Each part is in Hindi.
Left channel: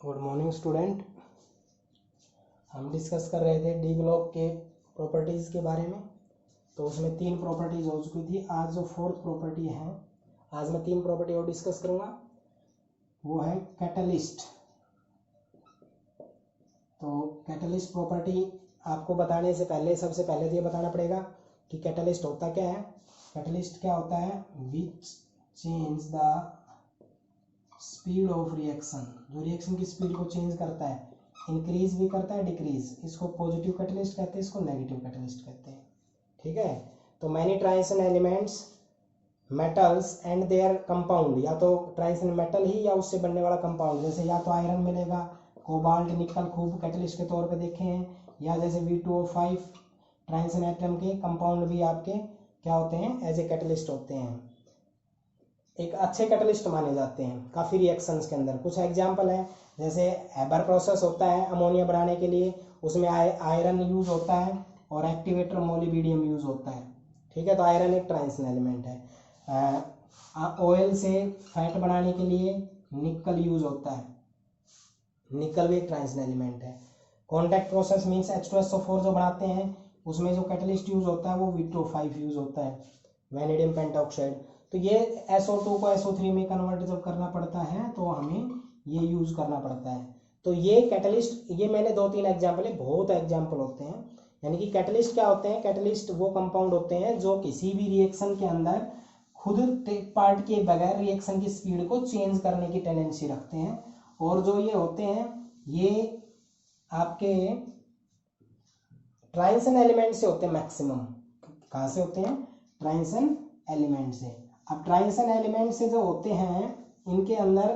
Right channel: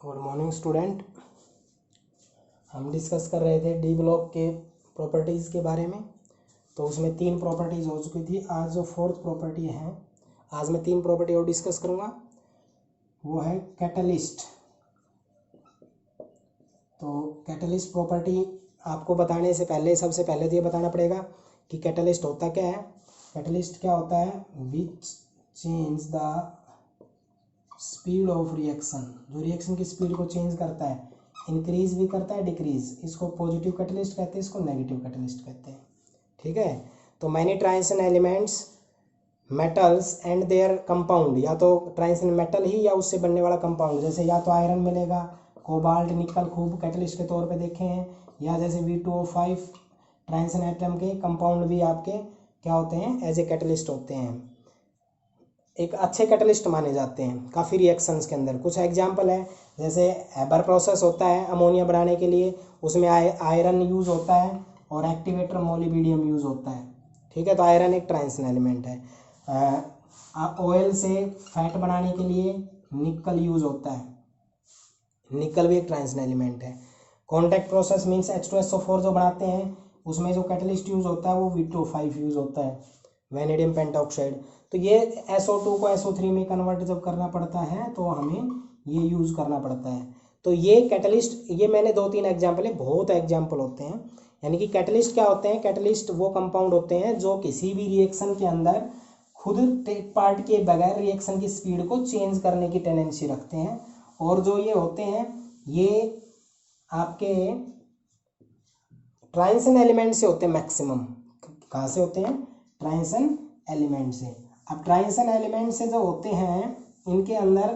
Good morning student. हम डिस्कस कर रहे थे डी ब्लॉक के प्रॉपर्टीज़ के बारे में। तो उसमें 3 प्रॉपर्टीज़ हो चुकी थी। आज जो 4th प्रॉपर्टी है, आज मैं 3 प्रॉपर्टी और डिस्कस करूँगा। वो है कैटलिस्ट। तो कैटलिस्ट प्रॉपर्टी आपको बताने से पहले सबसे पहले तो ये बताना पड़ेगा कि कैटलिस्ट होता क्या है। कैटलिस्ट क्या होता है? Which change the speed of reaction, जो रिएक्शन की स्पीड को चेंज करता है, इंक्रीज भी करता है डिक्रीज। इसको पॉजिटिव कैटलिस्ट कहते हैं, इसको नेगेटिव कैटलिस्ट कहते हैं। ठीक है। तो many transition elements, metals and there compound, या तो ट्रांजिशन मेटल ही या उससे बनने वाला कंपाउंड, जैसे या तो आयरन मिलेगा, कोबाल्ट, निकल खूब कैटलिस्ट के तौर पे देखे हैं, या जैसे V2O5 ट्रांजिशन एटम के कंपाउंड भी आपके क्या होते हैं, एज ए कैटलिस्ट होते हैं। एक अच्छे कैटलिस्ट माने जाते हैं काफ़ी रिएक्शंस के अंदर। कुछ एग्जांपल है, जैसे हैबर प्रोसेस होता है अमोनिया बनाने के लिए, उसमें आयरन यूज़ होता है और एक्टिवेटर मोलिब्डेनम यूज़ होता है। ठीक है। तो आयरन एक ट्रांजिशन एलिमेंट है। ऑयल से फैट बनाने के लिए निकल यूज़ होता है, निकल भी एक ट्रांजिशन एलिमेंट है। कॉन्टैक्ट प्रोसेस मीन्स H2SO4 जो बनाते हैं, उसमें जो कैटलिस्ट यूज़ होता है वो V2O5 यूज़ होता है, वैनेडियम पेंटॉक्साइड। तो ये SO2 को SO3 में कन्वर्ट जब करना पड़ता है तो हमें ये यूज़ करना पड़ता है। तो ये कैटलिस्ट, ये मैंने 2-3 एग्जाम्पल है, बहुत एग्जाम्पल होते हैं। यानी कि कैटलिस्ट क्या होते हैं? कैटलिस्ट वो कंपाउंड होते हैं जो किसी भी रिएक्शन के अंदर खुद टेक पार्ट के बगैर रिएक्शन की स्पीड को चेंज करने की टेंडेंसी रखते हैं। और जो ये होते हैं, ये आपके ट्रांजिशन एलिमेंट से होते हैं मैक्सिमम। कहाँ से होते हैं? ट्रांजिशन एलिमेंट से। अब ट्रांजिशन एलिमेंट से जो होते हैं, इनके अंदर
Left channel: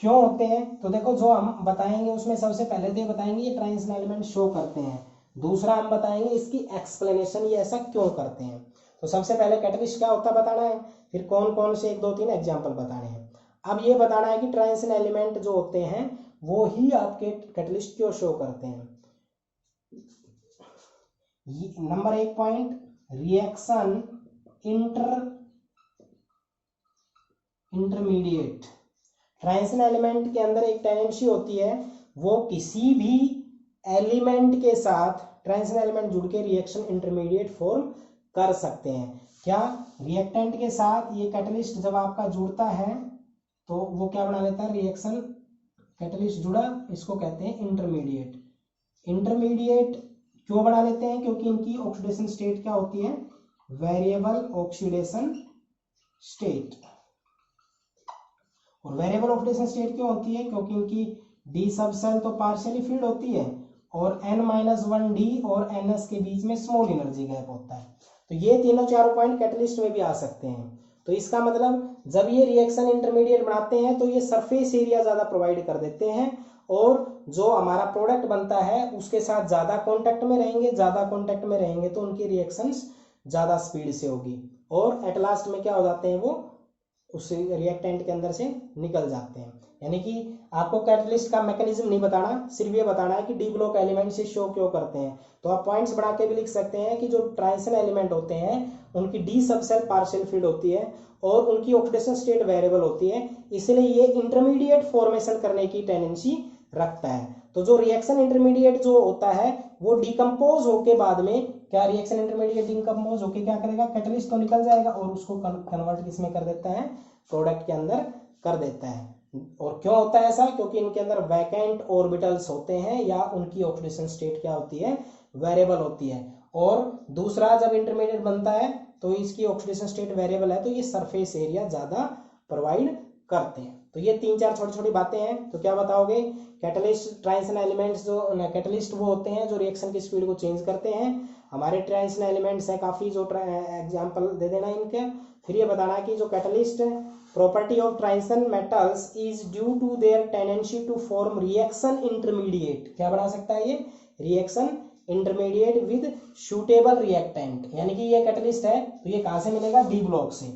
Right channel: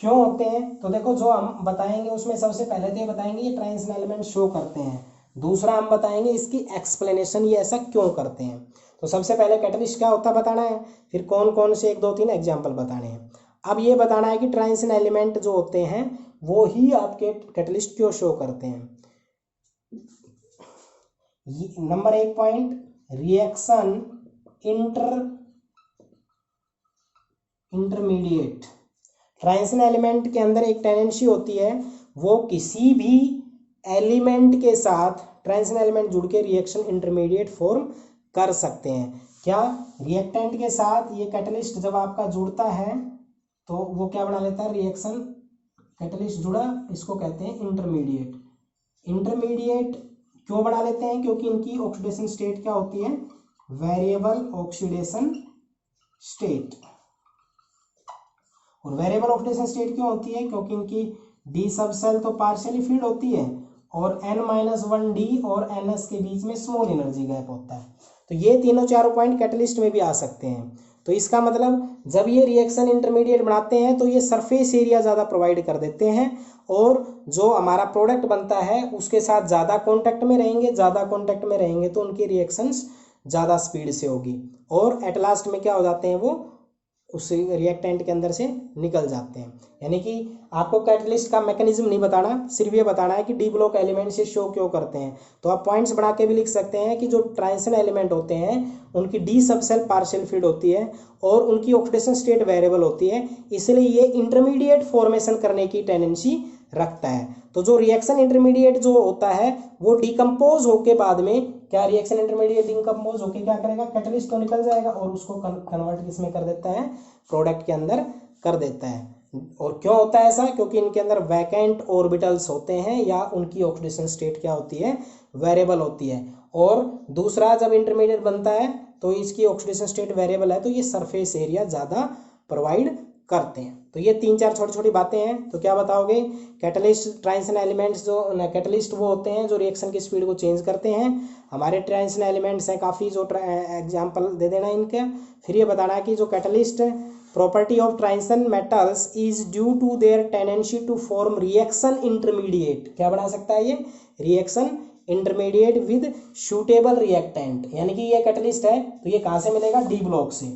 क्यों होते हैं? तो देखो, जो हम बताएंगे उसमें सबसे पहले तो ये बताएंगे ये ट्रांजिशन एलिमेंट शो करते हैं। दूसरा हम बताएंगे इसकी एक्सप्लेनेशन, ये ऐसा क्यों करते हैं। तो सबसे पहले कैटलिस्ट क्या होता है बताना है, फिर कौन कौन से 1-2-3 एग्जाम्पल बताने हैं। अब ये बताना है कि ट्रांजिशन एलिमेंट जो होते हैं वो ही आपके कैटलिस्ट क्यों शो करते हैं। Number 1 point, reaction intermediate. Transition element के अंदर एक टेंडेंसी होती है, वो किसी भी एलिमेंट के साथ ट्रांजिशन एलिमेंट जुड़ के रिएक्शन इंटरमीडिएट फॉर्म कर सकते हैं। क्या? रिएक्टेंट के साथ ये कैटलिस्ट जब आपका जुड़ता है तो वो क्या बना लेता है? रिएक्शन कैटलिस्ट जुड़ा, इसको कहते हैं इंटरमीडिएट। इंटरमीडिएट क्यों बना लेते हैं? क्योंकि इनकी ऑक्सीडेशन स्टेट क्या होती है? Variable oxidation state. और वेरिएबल ऑक्सीडेशन स्टेट क्यों होती है? क्योंकि इनकी डी सब सेल तो पार्शियली फील्ड होती है और N-1 डी और NS के बीच में स्मॉल एनर्जी गैप होता है। तो ये तीनों चारों पॉइंट कैटलिस्ट में भी आ सकते हैं। तो इसका मतलब जब ये रिएक्शन इंटरमीडिएट बनाते हैं तो ये सरफेस एरिया ज़्यादा प्रोवाइड कर देते हैं और जो हमारा प्रोडक्ट बनता है उसके साथ ज़्यादा कॉन्टैक्ट में रहेंगे। ज़्यादा कॉन्टैक्ट में रहेंगे तो उनकी रिएक्शंस ज़्यादा स्पीड से होगी और एट लास्ट में क्या हो जाते हैं, वो उस रिएक्टेंट के अंदर से निकल जाते हैं। यानी कि आपको कैटलिस्ट का मैकेनिज्म नहीं बताना, सिर्फ ये बताना है कि डी ब्लॉक एलिमेंट से शो क्यों करते हैं। तो आप पॉइंट्स बना के भी लिख सकते हैं कि जो ट्रांजिशन एलिमेंट होते हैं उनकी डी सब सेल पार्शियल फील्ड होती है और उनकी ऑक्सीडेशन स्टेट वेरिएबल होती है, इसलिए ये इंटरमीडिएट फॉर्मेशन करने की टेंडेंसी रखता है। तो जो रिएक्शन इंटरमीडिएट जो होता है वो डिकम्पोज होके बाद में क्या, रिएक्शन इंटरमीडिएट डिकम्पोज होके क्या करेगा? कैटलिस्ट तो निकल जाएगा और उसको कन्वर्ट किसमें कर देता है? प्रोडक्ट के अंदर कर देता है। और क्यों होता है ऐसा? क्योंकि इनके अंदर वैकेंट ऑर्बिटल्स होते हैं या उनकी ऑक्सीडेशन स्टेट क्या होती है? वेरिएबल होती है। और दूसरा, जब इंटरमीडिएट बनता है तो इसकी ऑक्सीडेशन स्टेट वेरिएबल है तो ये सरफेस एरिया ज़्यादा प्रोवाइड करते हैं। तो ये 3-4 छोटी छोटी बातें हैं। तो क्या बताओगे? कैटलिस्ट, ट्रांजिशन एलिमेंट्स जो कैटलिस्ट वो होते हैं जो रिएक्शन की स्पीड को चेंज करते हैं। हमारे ट्रांजिशन एलिमेंट्स हैं काफ़ी, जो एग्जांपल दे देना इनके। फिर ये बताना है कि जो catalyst property of transition metals is due to their tendency to form reaction intermediate. क्या बना सकता है ये? Reaction intermediate with suitable reactant. यानी कि ये कैटलिस्ट है तो ये कहाँ से मिलेगा? डी ब्लॉक से।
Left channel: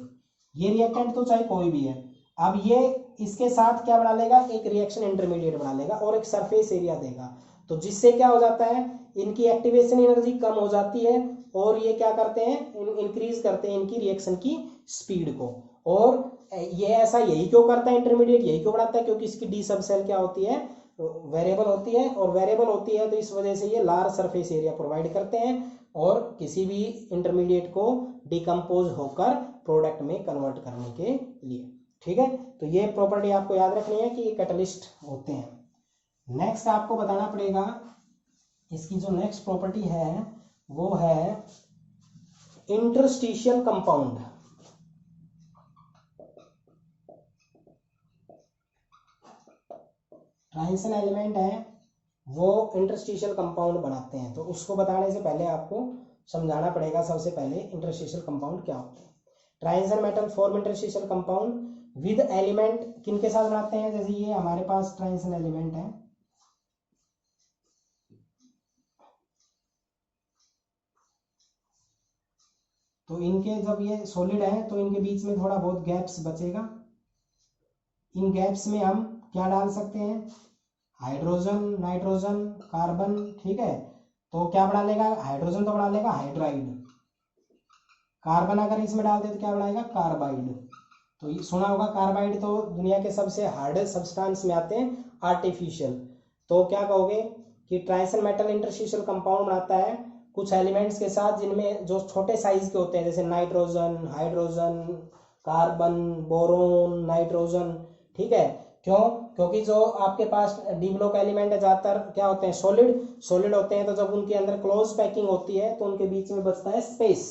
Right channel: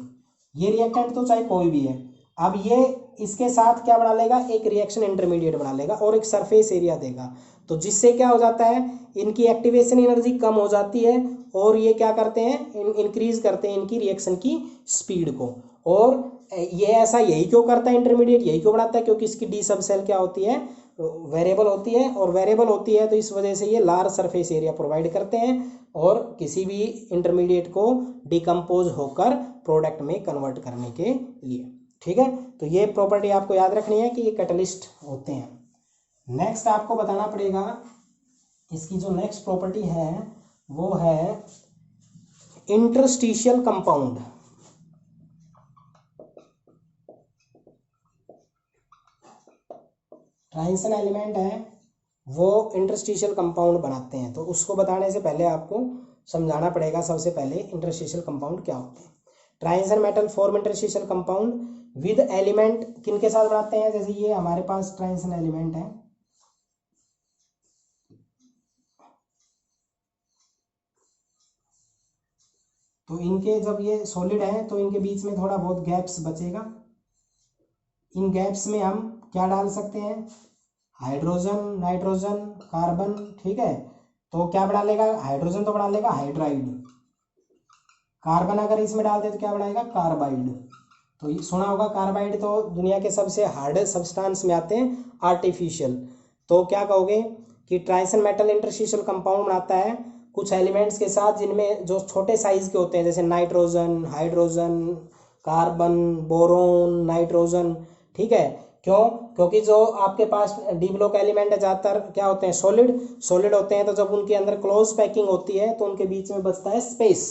ये रिएक्टेंट तो चाहे कोई भी है, अब ये इसके साथ क्या बना लेगा? एक रिएक्शन इंटरमीडिएट बना लेगा और एक सरफेस एरिया देगा। तो जिससे क्या हो जाता है? इनकी एक्टिवेशन एनर्जी कम हो जाती है और ये क्या करते हैं? इंक्रीज करते हैं इनकी रिएक्शन की स्पीड को। और ये ऐसा यही क्यों करता है इंटरमीडिएट, यही क्यों बनाता है, क्योंकि इसकी डी सब सेल क्या होती है, वेरिएबल होती है, और वेरिएबल होती है तो इस वजह से ये लार्ज सरफेस एरिया प्रोवाइड करते हैं और किसी भी इंटरमीडिएट को डिकम्पोज होकर प्रोडक्ट में कन्वर्ट करने के लिए। ठीक है, तो ये प्रॉपर्टी आपको याद रखनी है कि ये कैटलिस्ट होते हैं। नेक्स्ट आपको बताना पड़ेगा इसकी जो नेक्स्ट प्रॉपर्टी है वो है इंटरस्टिशियल कंपाउंड। ट्रांजिशन एलिमेंट है वो इंटरस्टिशियल कंपाउंड बनाते हैं, तो उसको बताने से पहले आपको समझाना पड़ेगा सबसे पहले इंटरस्टिशियल कंपाउंड क्या होते हैं। Transition metal form interstitial compound with element किन के साथ बनाते हैं, जैसे ये हमारे पास ट्रांजिशन एलिमेंट है, तो इनके जब ये सॉलिड है तो इनके बीच में थोड़ा बहुत गैप्स बचेगा। इन गैप्स में हम क्या डाल सकते हैं, हाइड्रोजन, नाइट्रोजन, कार्बन। ठीक है, तो क्या बना लेगा, हाइड्रोजन तो बना लेगा हाइड्राइड, कार्बन अगर इसमें डाल दे तो क्या बनाएगा, कार्बाइड। तो ये सुना होगा कार्बाइड तो दुनिया के सबसे हार्ड सब्सटेंस में आते हैं, आर्टिफिशियल। तो क्या कहोगे कि ट्रांजिशन मेटल इंटरस्टिशियल कंपाउंड बनाता है कुछ एलिमेंट्स के साथ जिनमें जो छोटे साइज के होते हैं, जैसे nitrogen, hydrogen, carbon, boron, nitrogen. ठीक है, क्यों, क्योंकि जो आपके पास डी ब्लॉक एलिमेंट है ज़्यादातर क्या होते हैं, सॉलिड होते हैं, तो जब उनके अंदर क्लोज पैकिंग होती है तो उनके बीच में बचता है स्पेस,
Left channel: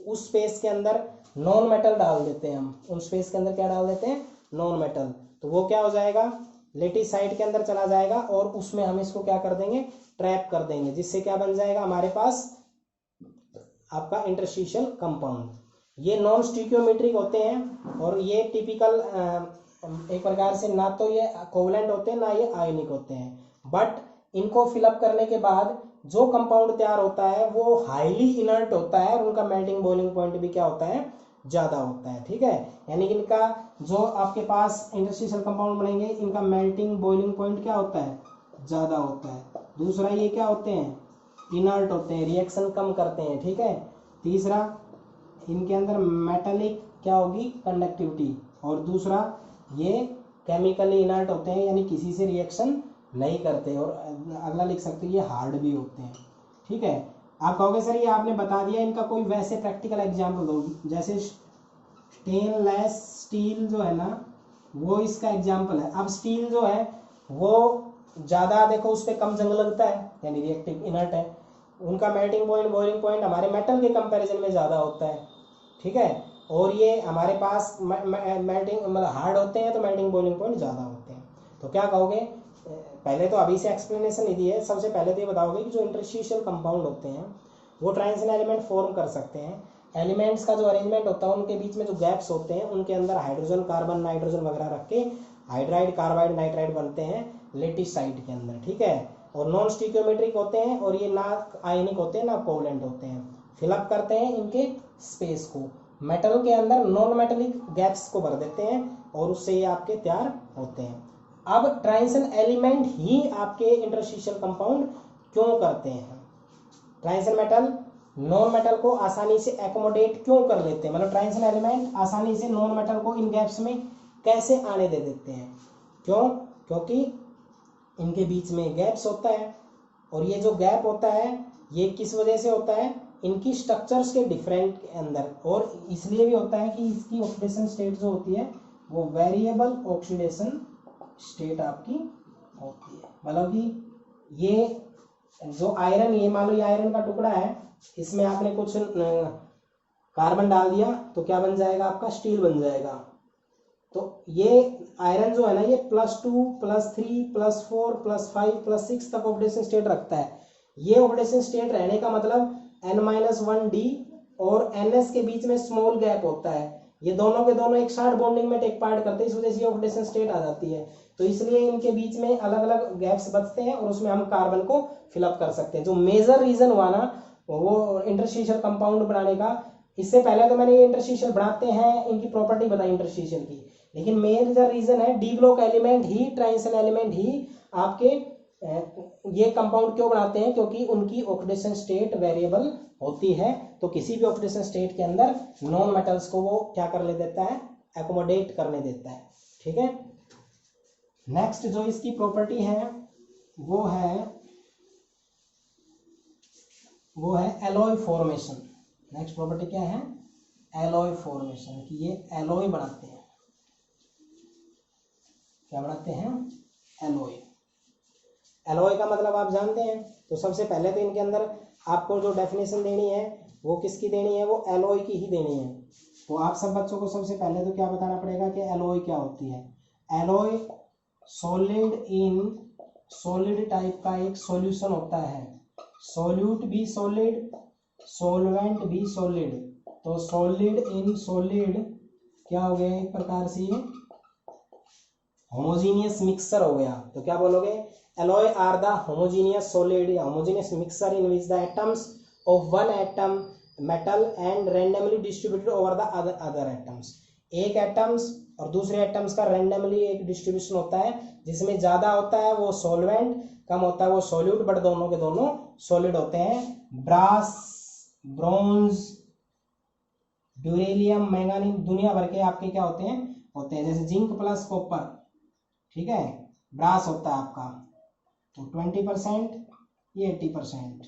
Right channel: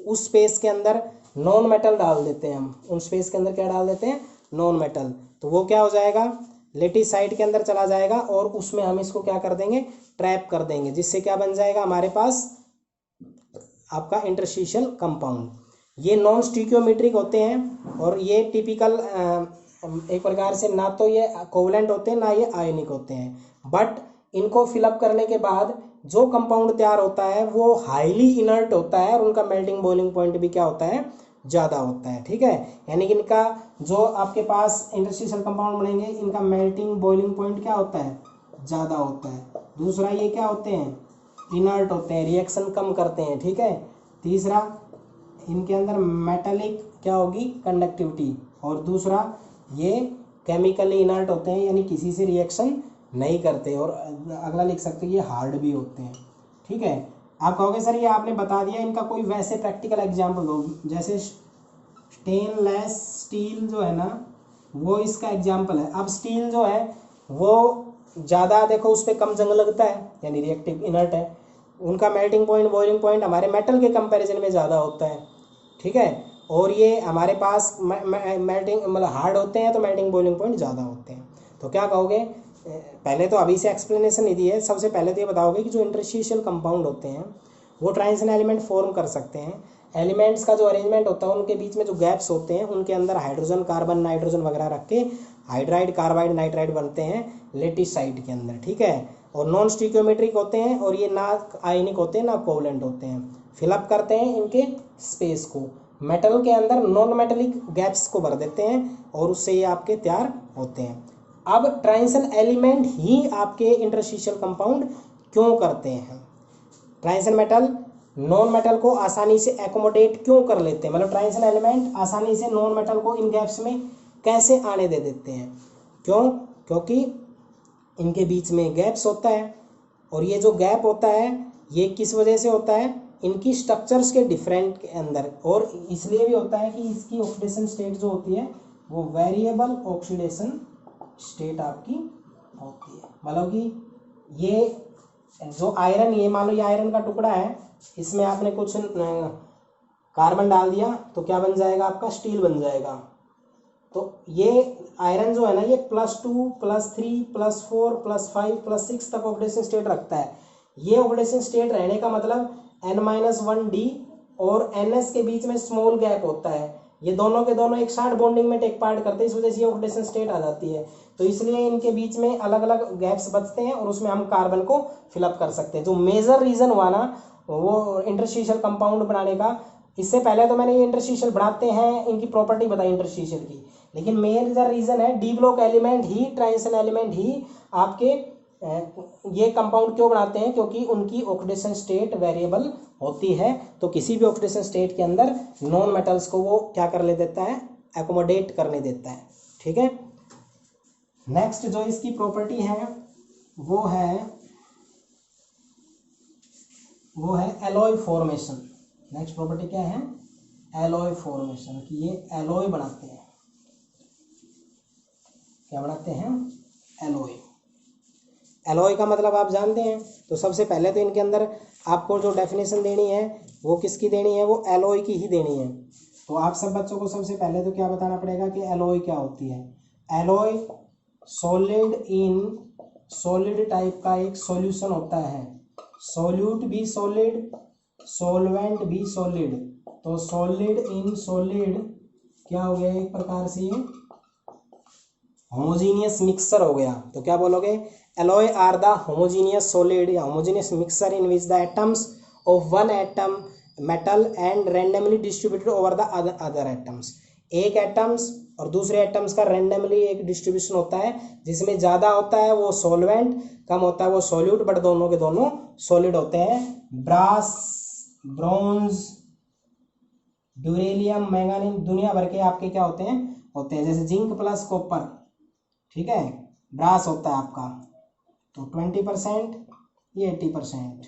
उस स्पेस के अंदर नॉन मेटल डाल देते हैं हम, उन स्पेस के अंदर क्या डाल देते हैं, नॉन मेटल। तो वो क्या हो जाएगा, लेटिस साइड के अंदर चला जाएगा और उसमें हम इसको क्या कर देंगे, ट्रैप कर देंगे, जिससे क्या बन जाएगा हमारे पास आपका इंटरस्टिशियल कंपाउंड। ये नॉन स्टिकियोमेट्रिक होते हैं और ये टिपिकल एक प्रकार से ना तो ये कोवलेंट होते हैं ना ये आयनिक होते हैं, बट इनको फिलअप करने के बाद जो कंपाउंड तैयार होता है वो हाईली इनर्ट होता है और उनका मेल्टिंग बॉइलिंग पॉइंट भी क्या होता है, ज़्यादा होता है। ठीक है, यानी कि इनका जो आपके पास इंटरस्टिशियल कंपाउंड बनेंगे इनका मेल्टिंग बॉइलिंग पॉइंट क्या होता है, ज़्यादा होता है। दूसरा ये क्या होते हैं, इनर्ट होते हैं, रिएक्शन कम करते हैं। ठीक है, तीसरा इनके अंदर मेटालिक क्या होगी, कंडक्टिविटी, और दूसरा ये केमिकली इनर्ट होते हैं यानी किसी से रिएक्शन नहीं करते, और अगला लिख सकते हैं ये हार्ड भी होते हैं। ठीक है, आप कहोगे सर ये आपने बता दिया, इनका कोई वैसे प्रैक्टिकल एग्जाम्पल दो, जैसे स्टेनलेस स्टील जो है ना वो इसका एग्जाम्पल है। अब स्टील जो है वो ज़्यादा देखो उस पर कम जंग लगता है यानी रिएक्टिव इनर्ट है, उनका मेल्टिंग पॉइंट बॉइलिंग पॉइंट हमारे मेटल के कंपैरिजन में ज़्यादा होता है। ठीक है, और ये हमारे पास मेल्टिंग मतलब हार्ड होते हैं तो मेल्टिंग बॉइलिंग पॉइंट ज़्यादा होते हैं। तो क्या कहोगे, पहले तो अभी से एक्सप्लेनेशन नहीं दी है, सबसे पहले तो ये बताओगे कि जो इंटरस्टिशियल कंपाउंड होते हैं वो ट्रांजिशन एलिमेंट फॉर्म कर सकते हैं। एलिमेंट्स का जो अरेंजमेंट होता है उनके बीच में जो गैप्स होते हैं उनके अंदर हाइड्रोजन, कार्बन, नाइट्रोजन वगैरह रख के हाइड्राइड, कार्बाइड, नाइट्राइड बनते हैं लेटिसाइड के अंदर। ठीक है, और नॉन स्टिकियोमेट्रिक होते हैं और ये ना आयनिक होते हैं ना कोवलेंट होते हैं, फिलअप करते हैं इनके स्पेस को, मेटल के अंदर नॉन मेटेलिक गैप्स को भर देते हैं और उससे ये आपके तैयार होते हैं। अब ट्रांजिशन एलिमेंट ही आपके इंटरस्टिशियल कंपाउंड क्यों करते हैं, ट्रांजिशन मेटल नॉन मेटल को आसानी से एकोमोडेट क्यों कर लेते हैं, मतलब ट्रांजिशन एलिमेंट आसानी से नॉन मेटल को इन गैप्स में कैसे आने दे देते हैं, क्यों, क्योंकि इनके बीच में गैप्स होता है, और ये जो गैप होता है ये किस वजह से होता है, इनकी स्ट्रक्चर्स के डिफरेंट के अंदर, और इसलिए भी होता है कि इसकी ऑक्सीडेशन स्टेट जो होती है वो वेरिएबल ऑक्सीडेशन स्टेट आपकी होती है। मतलब कि ये जो आयरन, ये मान लो ये आयरन का टुकड़ा है, इसमें आपने कुछ कार्बन डाल दिया तो क्या बन जाएगा आपका, स्टील बन जाएगा। तो ये आयरन जो है ना ये +2 +3 +4 +5 +6 तक ऑक्सीडेशन स्टेट रखता है। ये ऑक्सीडेशन स्टेट रहने का मतलब N-1D और NS के बीच में स्मॉल गैप होता है, ये दोनों के दोनों एक साथ बॉन्डिंग में टेक पार्ट करते हैं, इस वजह से ये ऑक्सीडेशन स्टेट आ जाती है। तो इसलिए इनके बीच में अलग अलग गैप्स बचते हैं और उसमें हम कार्बन को फिलअप कर सकते हैं। जो मेजर रीजन हुआ ना वो इंटरस्टिशियल कंपाउंड बनाने का, इससे पहले तो मैंने ये इंटरस्टिशियल बनाते हैं इनकी प्रॉपर्टी बताई इंटरस्टिशियल की, लेकिन मेजर रीजन है डी ब्लॉक एलिमेंट ही, ट्रांजिशन एलिमेंट ही आपके ये कंपाउंड क्यों बनाते हैं, क्योंकि उनकी ऑक्सीडेशन स्टेट वेरिएबल होती है। तो किसी भी ऑक्सीडेशन स्टेट के अंदर नॉन मेटल्स को वो क्या कर ले देता है, एकोमोडेट करने देता है। ठीक है, नेक्स्ट जो इसकी प्रॉपर्टी है वो है एलॉय फॉर्मेशन। नेक्स्ट प्रॉपर्टी क्या है? एलॉय फॉर्मेशन, कि ये एलॉय बनाते हैं। क्या बनाते हैं? एलॉय। एलॉय का मतलब आप जानते हैं। तो सबसे पहले तो इनके अंदर आपको जो डेफिनेशन देनी है वो किसकी देनी है? वो एलॉय की ही देनी है। तो आप सब बच्चों को सबसे पहले तो क्या बताना पड़ेगा कि एलॉय क्या होती है। एलॉय सॉलिड टाइप का एक सॉल्यूशन होता है। सॉल्यूट भी सॉलिड, सॉल्वेंट भी सॉलिड। तो सॉलिड इन सॉलिड क्या हो गया? एक प्रकार से ये होमोजीनियस मिक्सचर हो गया। तो क्या बोलोगे? Alloy are the homogeneous solid या homogeneous mixture in which the atoms of one atom metal and randomly distributed over the other atoms. एक एटम्स और दूसरे एटम्स का रैंडमली एक डिस्ट्रीब्यूशन होता है, जिसमें ज़्यादा होता है वो सॉल्वेंट, कम होता है वो सॉल्यूट, बट दोनों के दोनों सॉलिड होते हैं। ब्रास, ब्रॉन्ज, ड्यूरेलियम, मैंगानीज, दुनिया भर के आपके क्या होते हैं जैसे जिंक प्लस कॉपर। ठीक है, ब्रास होता है आपका तो 20%, ये 80%।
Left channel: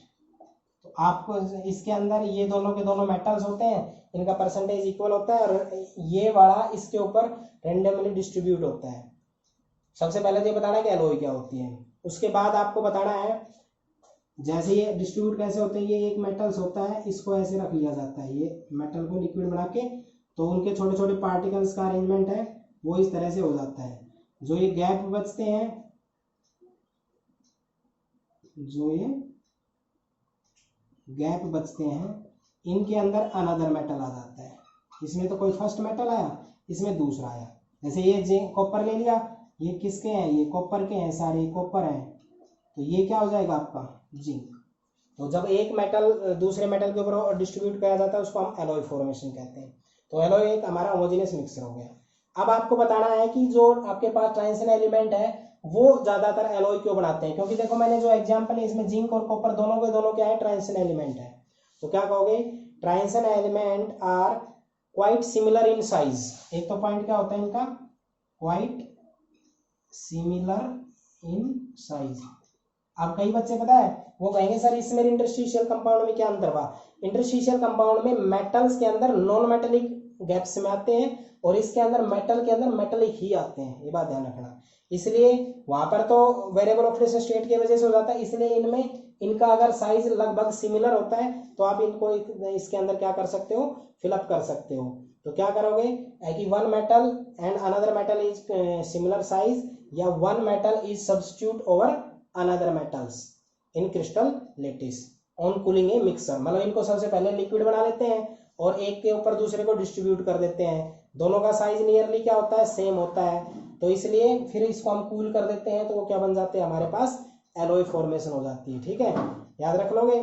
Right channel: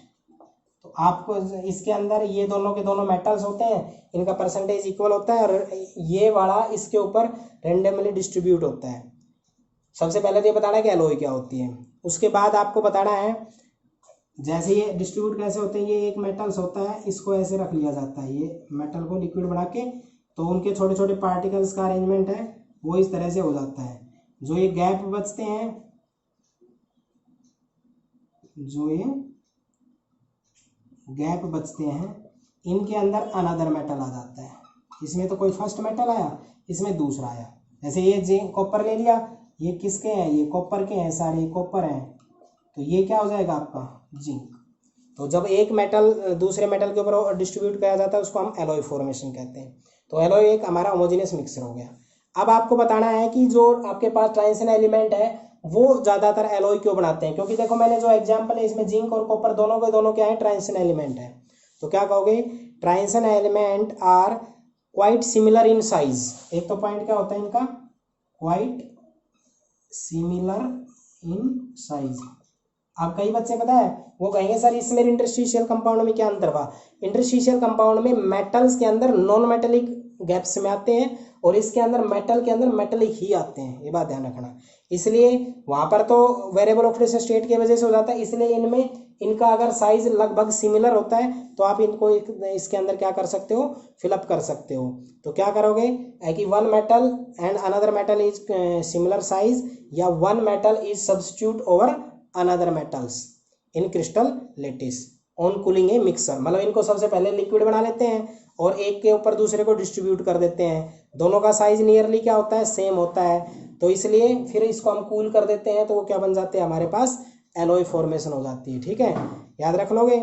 तो आपको इसके अंदर ये दोनों के दोनों मेटल्स होते हैं, इनका परसेंटेज इक्वल होता है और ये वाला इसके ऊपर रेंडमली डिस्ट्रीब्यूट होता है। सबसे पहले तो ये बताना है कि एलॉय क्या होती है। उसके बाद आपको बताना है जैसे ये डिस्ट्रीब्यूट कैसे होते हैं। ये एक मेटल्स होता है, इसको ऐसे रख लिया जाता है, ये मेटल को लिक्विड बना के, तो उनके छोटे छोटे पार्टिकल्स का अरेंजमेंट है वो इस तरह से हो जाता है। जो ये गैप बचते हैं, इनके अंदर अनदर मेटल आ जाता है। इसमें तो कोई फर्स्ट मेटल आया, इसमें दूसरा आया। जैसे ये जिंक कॉपर ले लिया, ये किसके हैं? ये कॉपर के हैं, सारे कॉपर हैं, तो ये क्या हो जाएगा आपका? जिंक। तो जब एक मेटल दूसरे मेटल के ऊपर डिस्ट्रीब्यूट किया जाता है उसको हम एलॉय फॉर्मेशन कहते हैं। तो एलॉय एक हमारा होमोजेनियस मिक्सचर हो गया। अब आपको बताना है कि जो आपके पास ट्रांजिशन एलिमेंट है वो ज़्यादातर एलॉय क्यों बनाते हैं। क्योंकि देखो मैंने जो एग्जाम्पल है इसमें जिंक और कॉपर दोनों के दोनों क्या है? ट्रांजिशन एलिमेंट है। तो क्या कहोगे? Transition element are quite similar in size. एक तो पॉइंट क्या होता है इनका? Quite similar in size. अब कई बच्चे पता है वो कहेंगे सर इसमें इंटरस्टिशियल कंपाउंड में क्या अंतर हुआ? इंटरस्टिशियल कंपाउंड में मेटल्स के अंदर नॉन मेटेलिक गैप्स में आते हैं और इसके अंदर मेटल के अंदर मेटेलिक ही आते हैं, ये बात ध्यान रखना। इसलिए वहां पर तो वेरिएबल ऑक्सीडेशन स्टेट की वजह से हो जाता है, इसलिए इनमें इनका अगर साइज लगभग सिमिलर होता है तो आप इनको इसके अंदर क्या कर सकते हो? फिलअप कर सकते हो। तो क्या करोगे कि one metal and another metal is similar size, या one metal is substitute over another metals in crystal lattice on cooling a mixture. मतलब इनको सबसे पहले लिक्विड बना लेते हैं और एक के ऊपर दूसरे को डिस्ट्रीब्यूट कर देते हैं। दोनों का साइज नियरली क्या होता है? सेम होता है। तो इसलिए फिर इसको हम कूल कर देते हैं तो वो क्या बन जाते हैं? हमारे पास एलॉय फॉर्मेशन हो जाती है। ठीक है, याद रख लोगे।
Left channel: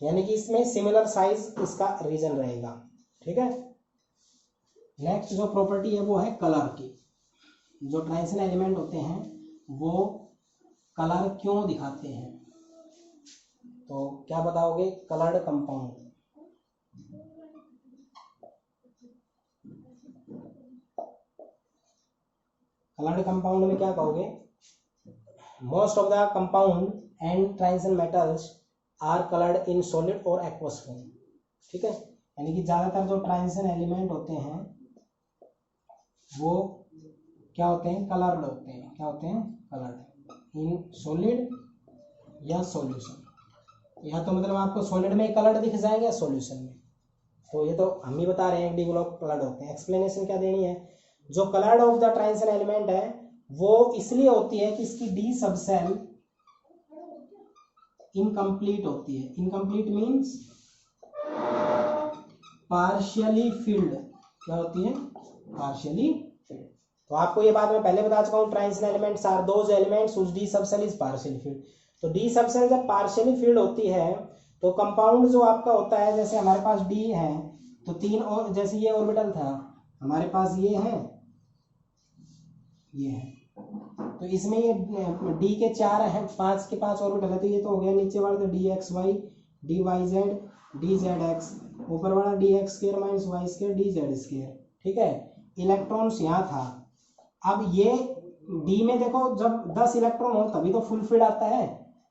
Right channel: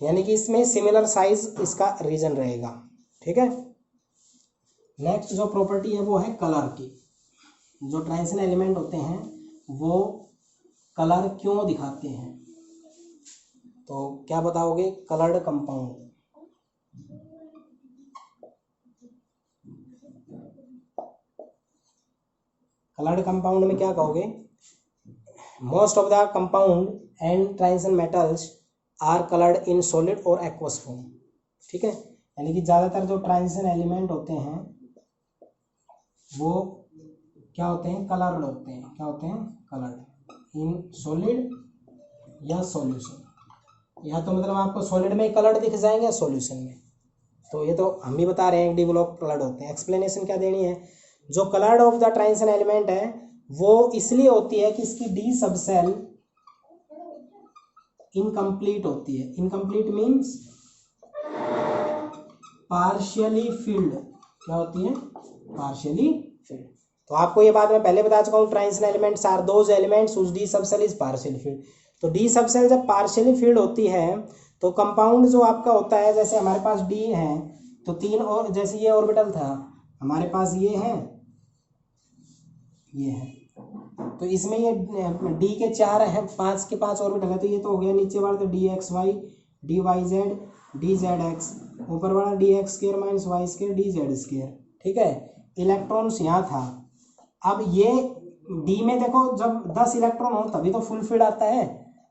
यानी कि इसमें सिमिलर साइज इसका रीजन रहेगा। ठीक है, नेक्स्ट जो प्रॉपर्टी है वो है कलर की। जो ट्रांजिशन एलिमेंट होते हैं वो कलर क्यों दिखाते हैं? तो क्या बताओगे? Coloured compound. कलर्ड कंपाउंड में क्या कहोगे? Most of the compound and transition metals are coloured in solid और एक्वस फॉर्म। ठीक है, यानी कि ज़्यादातर जो ट्रांजिशन एलिमेंट होते हैं वो क्या होते हैं? कलर्ड होते हैं। क्या होते हैं? कलर्ड इन सॉलिड या सॉल्यूशन। या तो मतलब आपको सॉलिड में कलर्ड दिख जाएंगे, सॉल्यूशन में। तो ये तो हम भी बता रहे हैं डी ब्लॉक कलर्ड होते हैं। एक्सप्लेनेशन क्या देनी है? जो coloured of the transition element है वो इसलिए होती है कि इसकी डी सबसेल इनकम्प्लीट होती है। Incomplete means partially filled. क्या होती है? Partially filled. तो आपको ये बात मैं पहले बता चुका हूँ, transition elements are those elements whose d subshell is partially filled. तो डी सबसेल जब पार्शियली फिल्ड होती है तो कंपाउंड जो आपका होता है, जैसे हमारे पास डी है तो तीन, और जैसे ये ऑर्बिटल था हमारे पास, ये है, तो इसमें ये डी के 4 है, 5 के 5 ऑर्बिटल है। तो ये तो हो गया नीचे वाला तो d x y, d y z, d z x, ऊपर वाला d x square minus y square, d z square. ठीक है, इलेक्ट्रॉन्स यहाँ था। अब ये डी में देखो जब 10 इलेक्ट्रॉन हो तभी तो फुल फील्ड आता है,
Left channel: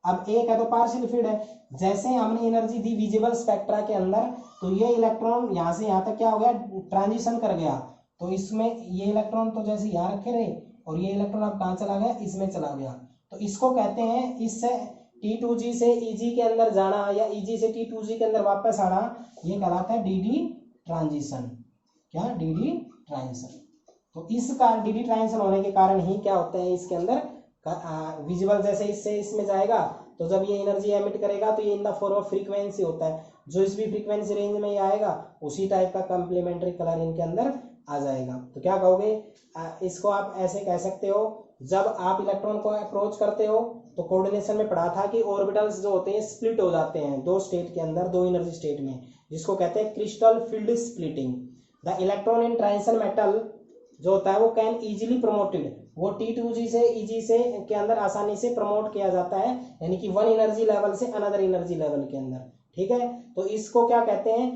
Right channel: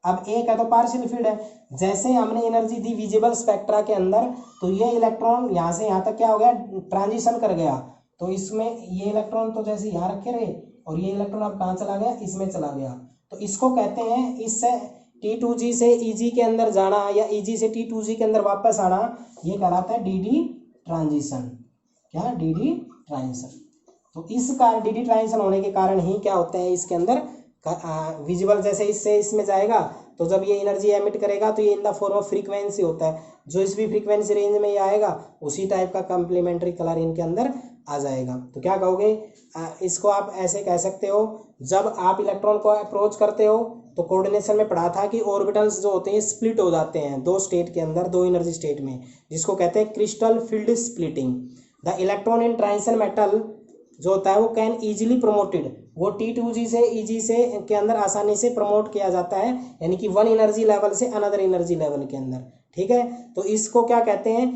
अब एक है तो पार्शियल फील्ड है। जैसे ही हमने एनर्जी दी विजिबल स्पेक्ट्रा के अंदर तो ये इलेक्ट्रॉन यहाँ से यहाँ तक क्या हो गया, ट्रांजिशन कर गया। तो इसमें ये इलेक्ट्रॉन तो जैसे यहाँ रखे रहे और ये इलेक्ट्रॉन अब कहाँ चला गया, इसमें चला गया। तो इसको कहते हैं, इससे T2G से EG के अंदर जाना या EG से T2G के अंदर वापस आना, ये कहलाता है DD ट्रांजिशन। क्या, DD ट्रांजिशन। तो इस कारण DD ट्रांजिशन होने के कारण ही क्या होते हैं इसके अंदर विजिबल, जैसे इससे इसमें जाएगा तो जब ये एनर्जी एमिट करेगा तो ये in the form of frequency होता है, जो इस भी फ्रीक्वेंसी रेंज में ये आएगा उसी टाइप का कम्प्लीमेंट्री कलर इनके अंदर आ जाएगा। तो क्या कहोगे, इसको आप ऐसे कह सकते हो, जब आप इलेक्ट्रॉन को अप्रोच करते हो तो कोऑर्डिनेशन में पढ़ा था कि ऑर्बिटल्स जो होते हैं स्प्लिट हो जाते हैं दो स्टेट के अंदर, दो एनर्जी स्टेट में, जिसको कहते हैं crystal field splitting. The electron in transition metal जो होता है वो कैन इजीली प्रोमोटेड, वो T2G से EG से के अंदर आसानी से प्रमोट किया जाता है, यानी कि वन एनर्जी लेवल से अनदर एनर्जी लेवल के अंदर। ठीक है, तो इसको क्या कहते हैं,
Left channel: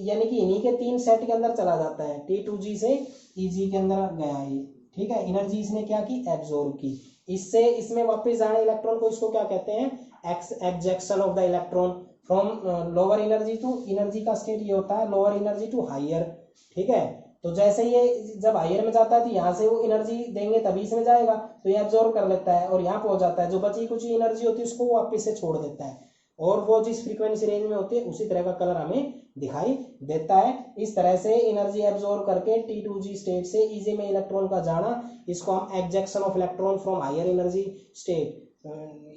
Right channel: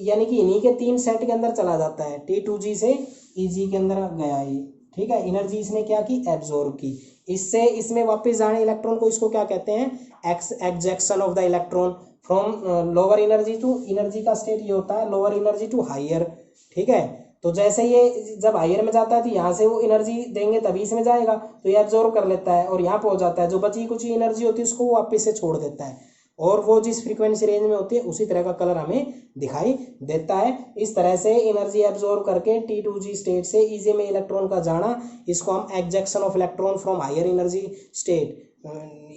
यानी कि इन्हीं के 3 सेट के अंदर चला जाता है, T2G से EG के अंदर गया ये। ठीक है, एनर्जी इसने क्या की, एब्जॉर्ब की, इससे इसमें वापस जाने इलेक्ट्रॉन को इसको क्या कहते हैं, excitation of the electron from lower energy to, energy का स्टेट ये होता है लोअर एनर्जी टू हायर। ठीक है, तो जैसे ये जब हायर में जाता है तो यहाँ से वो एनर्जी देंगे तभी इसमें जाएगा, तो ये एब्जॉर्ब कर लेता है और यहाँ पहुंच जाता है, जो बची कुछ एनर्जी होती है उसको वो वापस से छोड़ देता है, और वो जिस फ्रीक्वेंसी रेंज में होती है उसी तरह का कलर हमें दिखाई देता है। इस तरह से एनर्जी एब्जॉर्ब करके T2G स्टेट से EG में इलेक्ट्रॉन का जाना, इसको हम excitation of electron from higher energy state,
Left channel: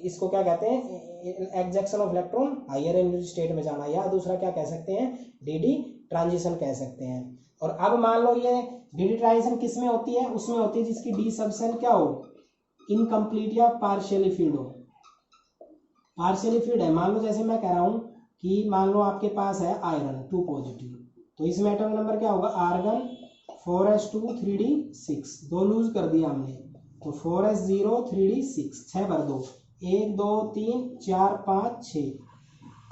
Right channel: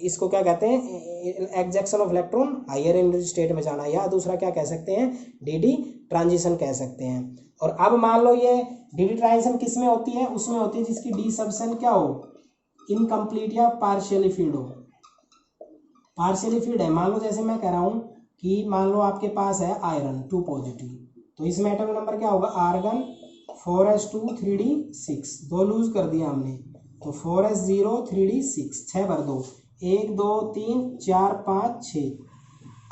इसको क्या कहते हैं, excitation of electron higher energy state में जाना, या दूसरा क्या कह सकते हैं, DD ट्रांजिशन कह सकते हैं। और अब मान लो ये DD ट्रांजिशन किस में होती है, उसमें होती है जिसकी डी सबसेल क्या हो, इनकम्प्लीट या पार्शियली फील्ड हो। पार्शियली फील्ड है, मान लो जैसे मैं कह रहा हूं कि मान लो आपके पास है आयरन 2 पॉजिटिव, तो इसमें एटॉमिक नंबर क्या होगा, आर्गन 4s2 3d6, 2 लूज कर दिया हमने, तो 4s0 3d6, 6 भर दो, 1 2 3 4 5 6।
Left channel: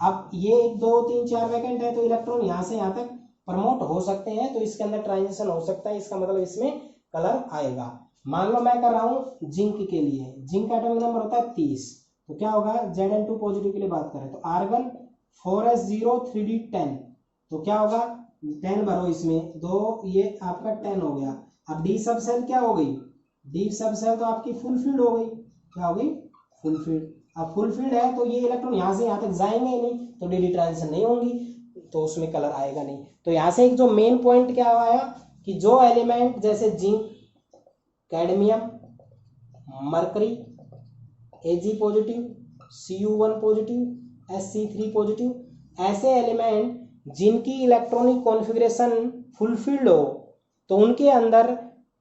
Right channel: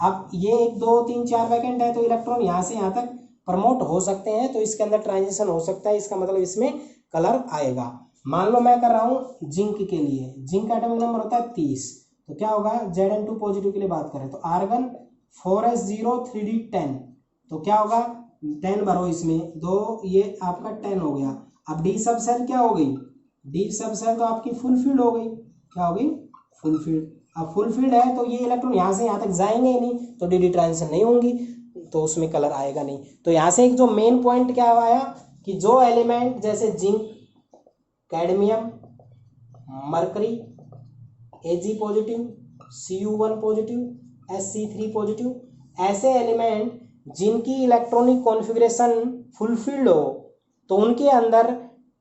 अब ये 1 2 3 4 वैकेंट है तो इलेक्ट्रॉन यहाँ से यहाँ तक प्रमोट हो सकते हैं, तो इसके अंदर ट्रांजिशन हो सकता है, इसका मतलब इसमें कलर आएगा। मान लो मैं कर रहा हूँ जिंक के लिए, जिंक का एटॉमिक नंबर होता है 30, तो क्या होगा, Zn2 पॉजिटिव के लिए बात करें तो आर्गन 4s0 3d10, तो क्या होगा, 10 भरो इसमें, 2 ये आपका 10 हो गया। अब डी सब सेल क्या हो गई, डी सब सेल तो आपकी फुल फील्ड हो गई, क्या हो गई, फुल फील्ड। अब फुल फील्ड है तो ये इलेक्ट्रॉन यहाँ से यहाँ तक जाएंगे ही नहीं, तो DD ट्रांजिशन नहीं होंगी, तो उसमें कलर आएगा नहीं। तो यहाँ से एक जो मेन पॉइंट क्या आया कि जो एलिमेंट जैसे zinc, cadmium, mercury, Ag positive, Cu1 positive, Sc3 positive, ऐसे एलिमेंट जिनकी इलेक्ट्रॉनिक कॉन्फ़िगरेशन फुलफिल्ड हो, तो उनके अंदर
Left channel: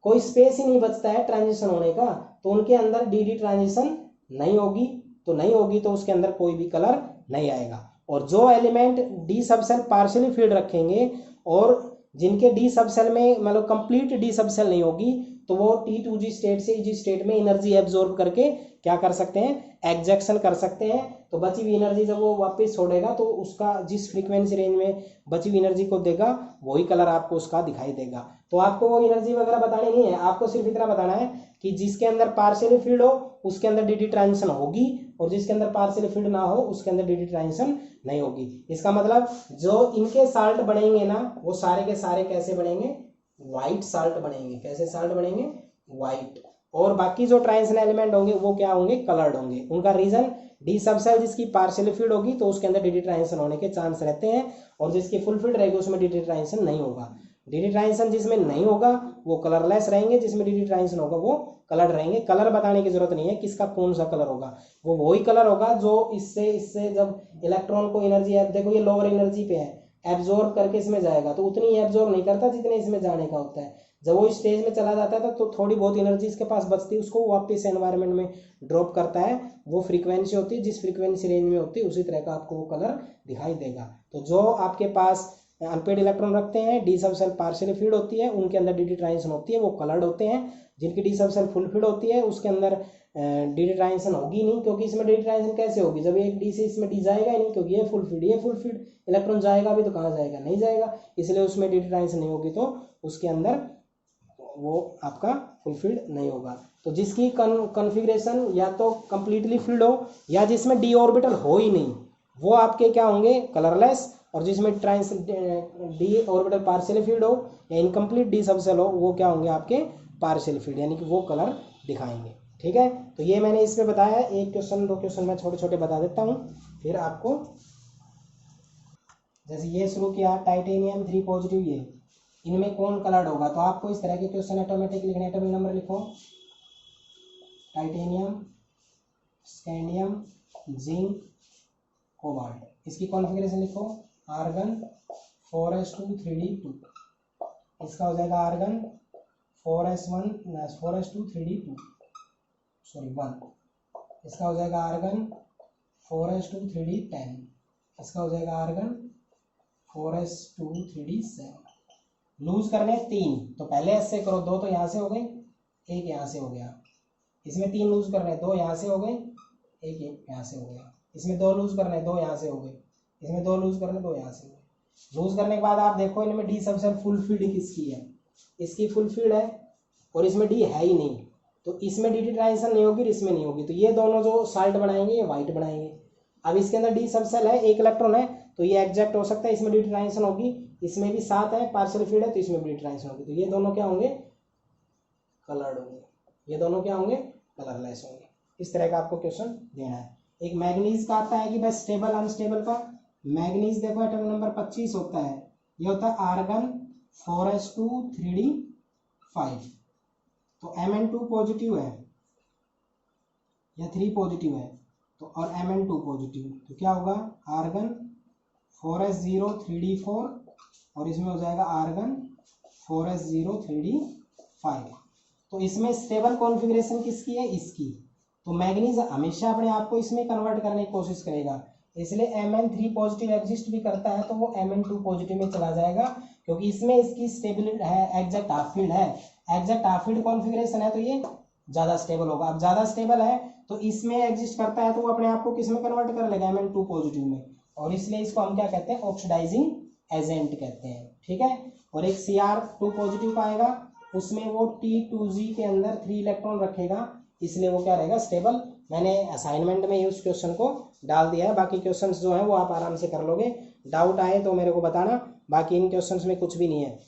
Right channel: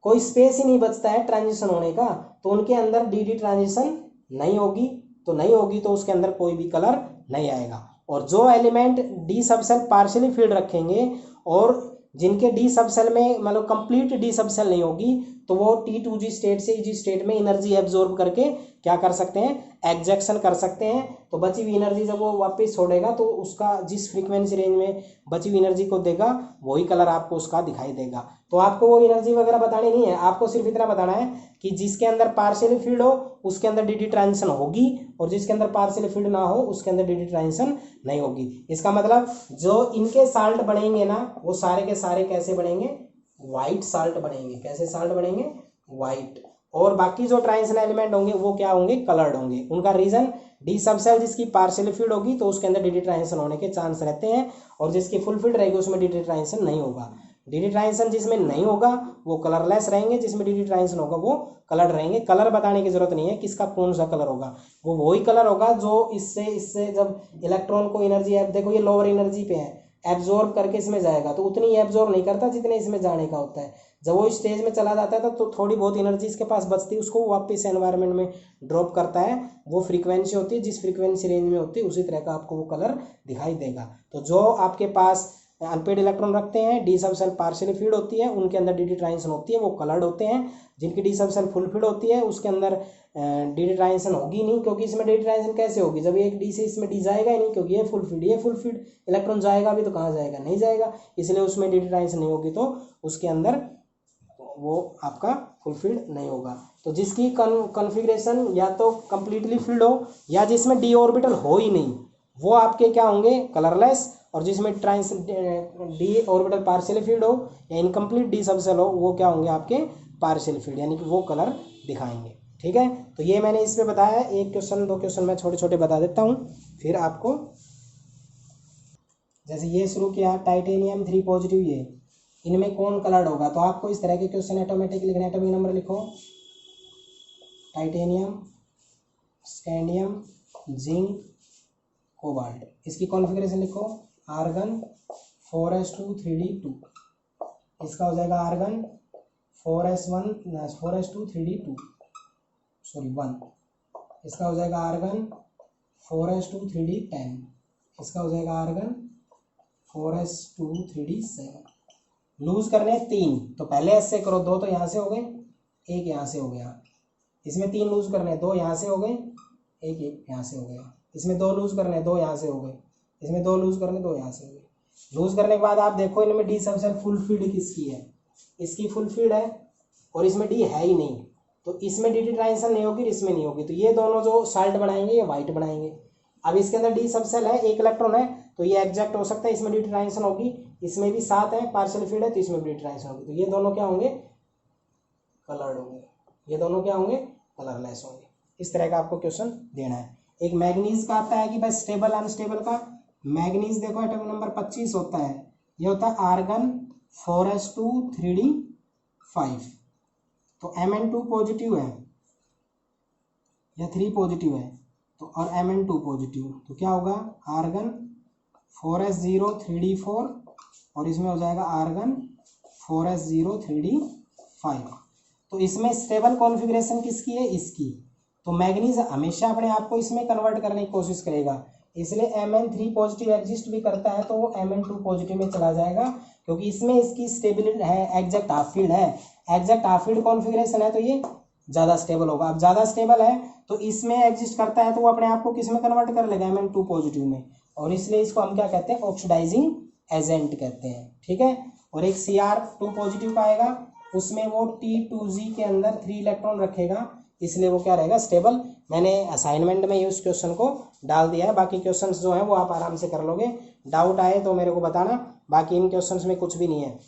कोई स्पेस ही नहीं बचता है ट्रांजिशन होने का, तो उनके अंदर DD ट्रांजिशन नहीं होगी, तो नहीं होगी तो उसके अंदर कोई भी कलर नहीं आएगा। और जो element D subshell partially field रखेंगे और जिनके डी सबसेल में मतलब कंप्लीट डी सबसेल नहीं होगी, तो वो T2G स्टेट से EG स्टेट में एनर्जी एब्जॉर्ब करके क्या कर सकते हैं, एग्जैक्शन कर सकते हैं। तो बची हुई एनर्जी जब वो वापस छोड़ेगा तो उसका जिस फ्रीक्वेंसी रेंज में बची हुई एनर्जी को देगा वही कलर आपको उसका दिखाई देगा। तो आपको वो एनर्जी वगैरह बतानी नहीं है, आपको सिर्फ इतना बताना है कि जिसके अंदर पार्शियली फील्ड हो उसके अंदर DD ट्रांजिशन होगी, और जिसके अंदर पार्शियली फील्ड ना हो उसके अंदर DD ट्रांजिशन नहीं होगी। इसका मतलब जो इनके साल्ट बनेंगे ना वो सारे के सारे कैसे बनेंगे, व्हाइट साल्ट बनेंगे। कैसे साल्ट बनेंगे, व्हाइट। और बाकी जो ट्रांजिशन एलिमेंट होंगे वो क्या होंगे, कलर्ड होंगे। उनका रीजन डी सबसेल जिसकी पार्शियली फील्ड होगी तो उसके अंदर DD ट्रांजिशन होने के चांस रहते हैं, और जिसकी फुल फील्ड रहेगी उसमें DD ट्रांजिशन नहीं होगा। DD ट्रांजिशन जिसमें नहीं होगा वो कलरलेस रहेंगे, जिसमें DD ट्रांजिशन होगा वो कलर रहेंगे। कलर बताने की जरूरत नहीं है किसका कौन सा कलर होगा, वो वही कलर होगा जो इससे जब इलेक्ट्रॉन को एनर्जी, देखो ये लोअर एनर्जी पे है, एब्जॉर्ब करके इसमें जाएगा तो उतनी एब्जॉर्ब नहीं करता जितने इसमें जाने का होता है। जब वो स्टेज में चला जाता है तो थोड़ी बहुत एनर्जी इसके पास बचती है, उसको वापस एनवायरनमेंट में ड्रॉप करता है। वो फ्रीक्वेंसी होती है जिस फ्रीक्वेंसी रेंज में होती है उसी तरह का आपको वो कलर दिखाई देगा। तो जो आपके पास अनपेड इलेक्ट्रॉन रखते हैं, डी सबसेल पार्शियली फील्ड होती है, उनके अंदर DD ट्रांजिशन होती है, वो कलर्ड होते हैं। जिनकी डी सबसेल फुल फील्ड होती है उसके अंदर DD ट्रांजिशन होगी नहीं, क्योंकि इसमें DD ट्रांजिशन कैसे होगी, जब एक डी से इसमें डी जाएगा ही नहीं, क्योंकि ये फुल फील्ड इलेक्ट्रॉन जाएगा भी तो कहाँ जाएगा, नहीं जाएगा, इसलिए उसमें DD ट्रांजिशन नहीं होगी, तो उसके अंदर वो आपका फुलफिल्ड नहीं होगा। तो जिसकी कॉन्फ़िगरेशन या तो कंप्लीटली फिल्ड हो या जिसमें डी ऑर्बिटल हो ही नहीं, वो आपके क्या होंगे, कलरलेस। और जिसमें trans d orbital partially filled हो या इनकम्प्लीट डी सबसेल हो, वो क्या होंगे आपके पार्शियल फिल्ड, यानी कि वो कलर दिखाएंगे। ठीक है, तो ये मैंने इसमें बताया। एक क्वेश्चन दो क्वेश्चन मैं छोटे छोटे बता देता हूँ, फिर आपको जैसे ये शुरू किया टाइटेनियम 3 पॉजिटिव, ये इनमें कौन कलर्ड होगा, तो आपको इस तरह के क्वेश्चन ऑटोमेटिक लिखने, एटॉमिक नंबर लिखो, टाइटेनियम, स्कैंडियम, जिंक, कोबाल्ट, इसकी कॉन्फ़िगरेशन लिखो, आर्गन 4s2 3d2, इसका हो जाएगा आर्गन 4s2 3d2 सॉरी 1, इसका हो जाएगा आर्गन 4s2 3d10, इसका हो जाएगा आर्गन 4s2 3d7। लूज करने 3, तो पहले एस से करो, 2 तो यहाँ से हो गए, एक यहाँ से हो गया, इसमें 3 लूज करने, 2 यहाँ से हो गए, एक यहाँ से हो गया, इसमें 2 लूज करने, 2 यहाँ से हो गए, इसमें 2 लूज करने, 2 यहाँ से हो गए। लूज करने के बाद आप देखो इनमें डी सबसेल फुलफिल्ड किसकी है, इसकी फुलफिल्ड है, और इसमें डी है ही नहीं, तो इसमें डी ट्रांजिशन नहीं होगी, इसमें नहीं होगी, तो ये दोनों जो साल्ट बनाएंगे ये वाइट बनाएंगे। अब इसके अंदर डी सबसेल है, 1 इलेक्ट्रॉन है, तो ये एग्जैक्ट हो सकता है, इसमें डी ट्रांजिशन होगी, इसमें भी 7 है, पार्शियल फील्ड है, तो इसमें भी डी ट्रांजिशन होगी, तो ये दोनों क्या होंगे, कलर्ड होंगे, ये दोनों क्या होंगे, कलरलेस होंगे। इस तरह का आपको क्वेश्चन देना है। एक मैग्नीज का आता है कि भाई स्टेबल अनस्टेबल का, मैग्नीज देखो एटॉमिक नंबर 25 होता है, ये होता है आर्गन 4s2 3d5, तो Mn2 पॉजिटिव है या 3 पॉजिटिव है, तो और Mn2 पॉजिटिव, तो क्या होगा, आर्गन 4s0 3d4, और इसमें हो जाएगा आर्गन 4s0 3d5। तो इसमें स्टेबल कॉन्फ़िगरेशन किसकी है, इसकी, तो मैग्नीज हमेशा अपने आप को इसमें कन्वर्ट करने की कोशिश करेगा, इसलिए Mn3 पॉजिटिव एग्जिस्ट भी करता है, तो वो Mn2 पॉजिटिव में चला जाएगा, क्योंकि इसमें इसकी स्टेबिलिटी है, एग्जैक्ट हाफ फील्ड है, एग्जैक्ट हाफ फील्ड कॉन्फ़िगरेशन है, तो ये ज़्यादा स्टेबल होगा। अब ज़्यादा स्टेबल है तो इसमें एग्जिस्ट करता है, तो वो अपने आप को किस में कन्वर्ट कर लेगा, Mn2 पॉजिटिव में, और इसलिए इसको हम क्या कहते हैं, ऑक्सीडाइजिंग एजेंट कहते हैं। ठीक है, और एक Cr2 पॉजिटिव का आएगा, उसमें वो T2g के अंदर 3 इलेक्ट्रॉन रखेगा, इसलिए वो क्या रहेगा, स्टेबल। मैंने असाइनमेंट में उस क्वेश्चन को डाल दिया है, बाकी क्वेश्चंस जो हैं वो आप आराम से कर लोगे, डाउट आए तो मेरे को बताना, बाकी इन क्वेश्चंस में कुछ भी नहीं है।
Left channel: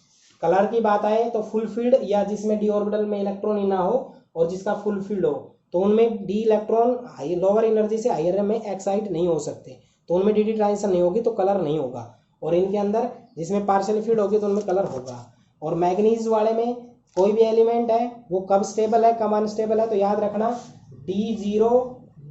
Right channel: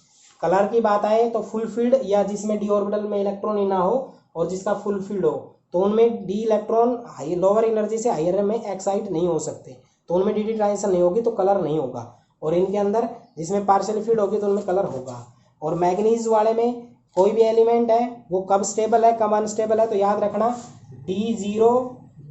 कलर की बात आए तो फुल फील्ड या जिसमें डी ऑर्बिटल में इलेक्ट्रॉन ही ना हो और जिसका फुल फील्ड हो, तो उनमें D electron high lower energy से हायर में एक्साइट नहीं हो सकते, तो उनमें डी ट्रांजिशन नहीं होगी, तो कलर नहीं होगा। और इनके अंदर जिसमें पार्शियल फील्ड होगी तो उनमें कलर होगा। और मैग्नीज वाले में कोई भी एलिमेंट है वो कब स्टेबल है कब अनस्टेबल है, तो याद रखना D0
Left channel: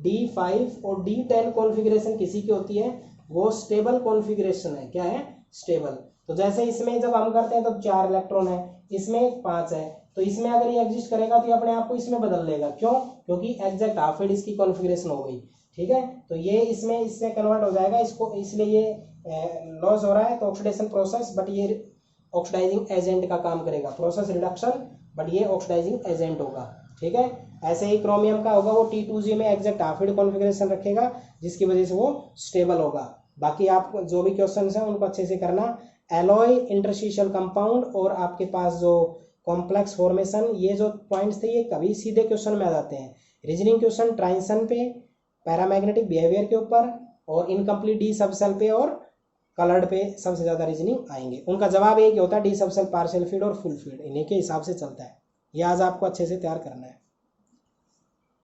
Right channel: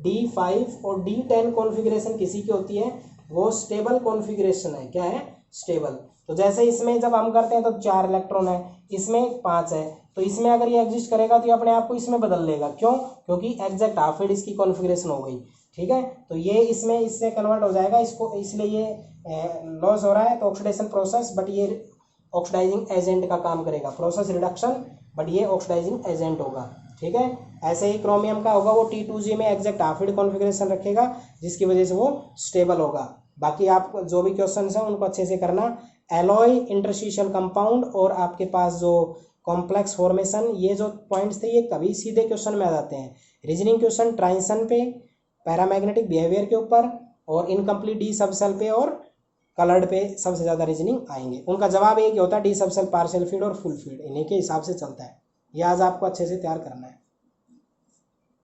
D5 और D10 कॉन्फ़िगरेशन किसी की होती है, वो स्टेबल कॉन्फ़िगरेशन है। क्या है, स्टेबल। तो जैसे इसमें जब हम करते हैं तो 4 इलेक्ट्रॉन है, इसमें 5 है, तो इसमें अगर ये एग्जिस्ट करेगा तो ये अपने आप को इसमें बदल लेगा। क्यों, क्योंकि एग्जैक्ट हाफ फील्ड इसकी कॉन्फ़िगरेशन हो गई। ठीक है, तो ये इसमें इससे कन्वर्ट हो जाएगा, इसको इसलिए ये लॉस हो रहा है, तो ऑक्सीडेशन प्रोसेस, बट ये ऑक्सीडाइजिंग एजेंट का काम करेगा, प्रोसेस रिडक्शन, बट ये ऑक्सीडाइजिंग एजेंट होगा। ठीक है, ऐसे ही क्रोमियम का होगा, वो T2g में एग्जैक्ट हाफ फील्ड कॉन्फ़िगरेशन रखेगा, जिसकी वजह से वो स्टेबल होगा। बाकी आप जो भी क्वेश्चंस हैं उनको अच्छे से करना। एलॉय, इंटरस्टिशियल कंपाउंड और आपके पास जो कॉम्प्लेक्स फॉर्मेशन, ये जो पॉइंट्स थे ये कभी सीधे क्वेश्चन में आ जाते हैं। रीजनिंग क्वेश्चन ट्रांजिशन पे, पैरामैग्नेटिक बिहेवियर के ऊपर, और इनकम्प्लीट डी सबसेल पे और कलर्ड पे सबसे ज़्यादा रीजनिंग आएंगे। उनका जवाब एक ही होता है, डी सबसेल, पार्शियल फील्ड और फुल फील्ड, इन्हीं के हिसाब से चलता है। ये आज आपको अच्छे से तैयार करना है।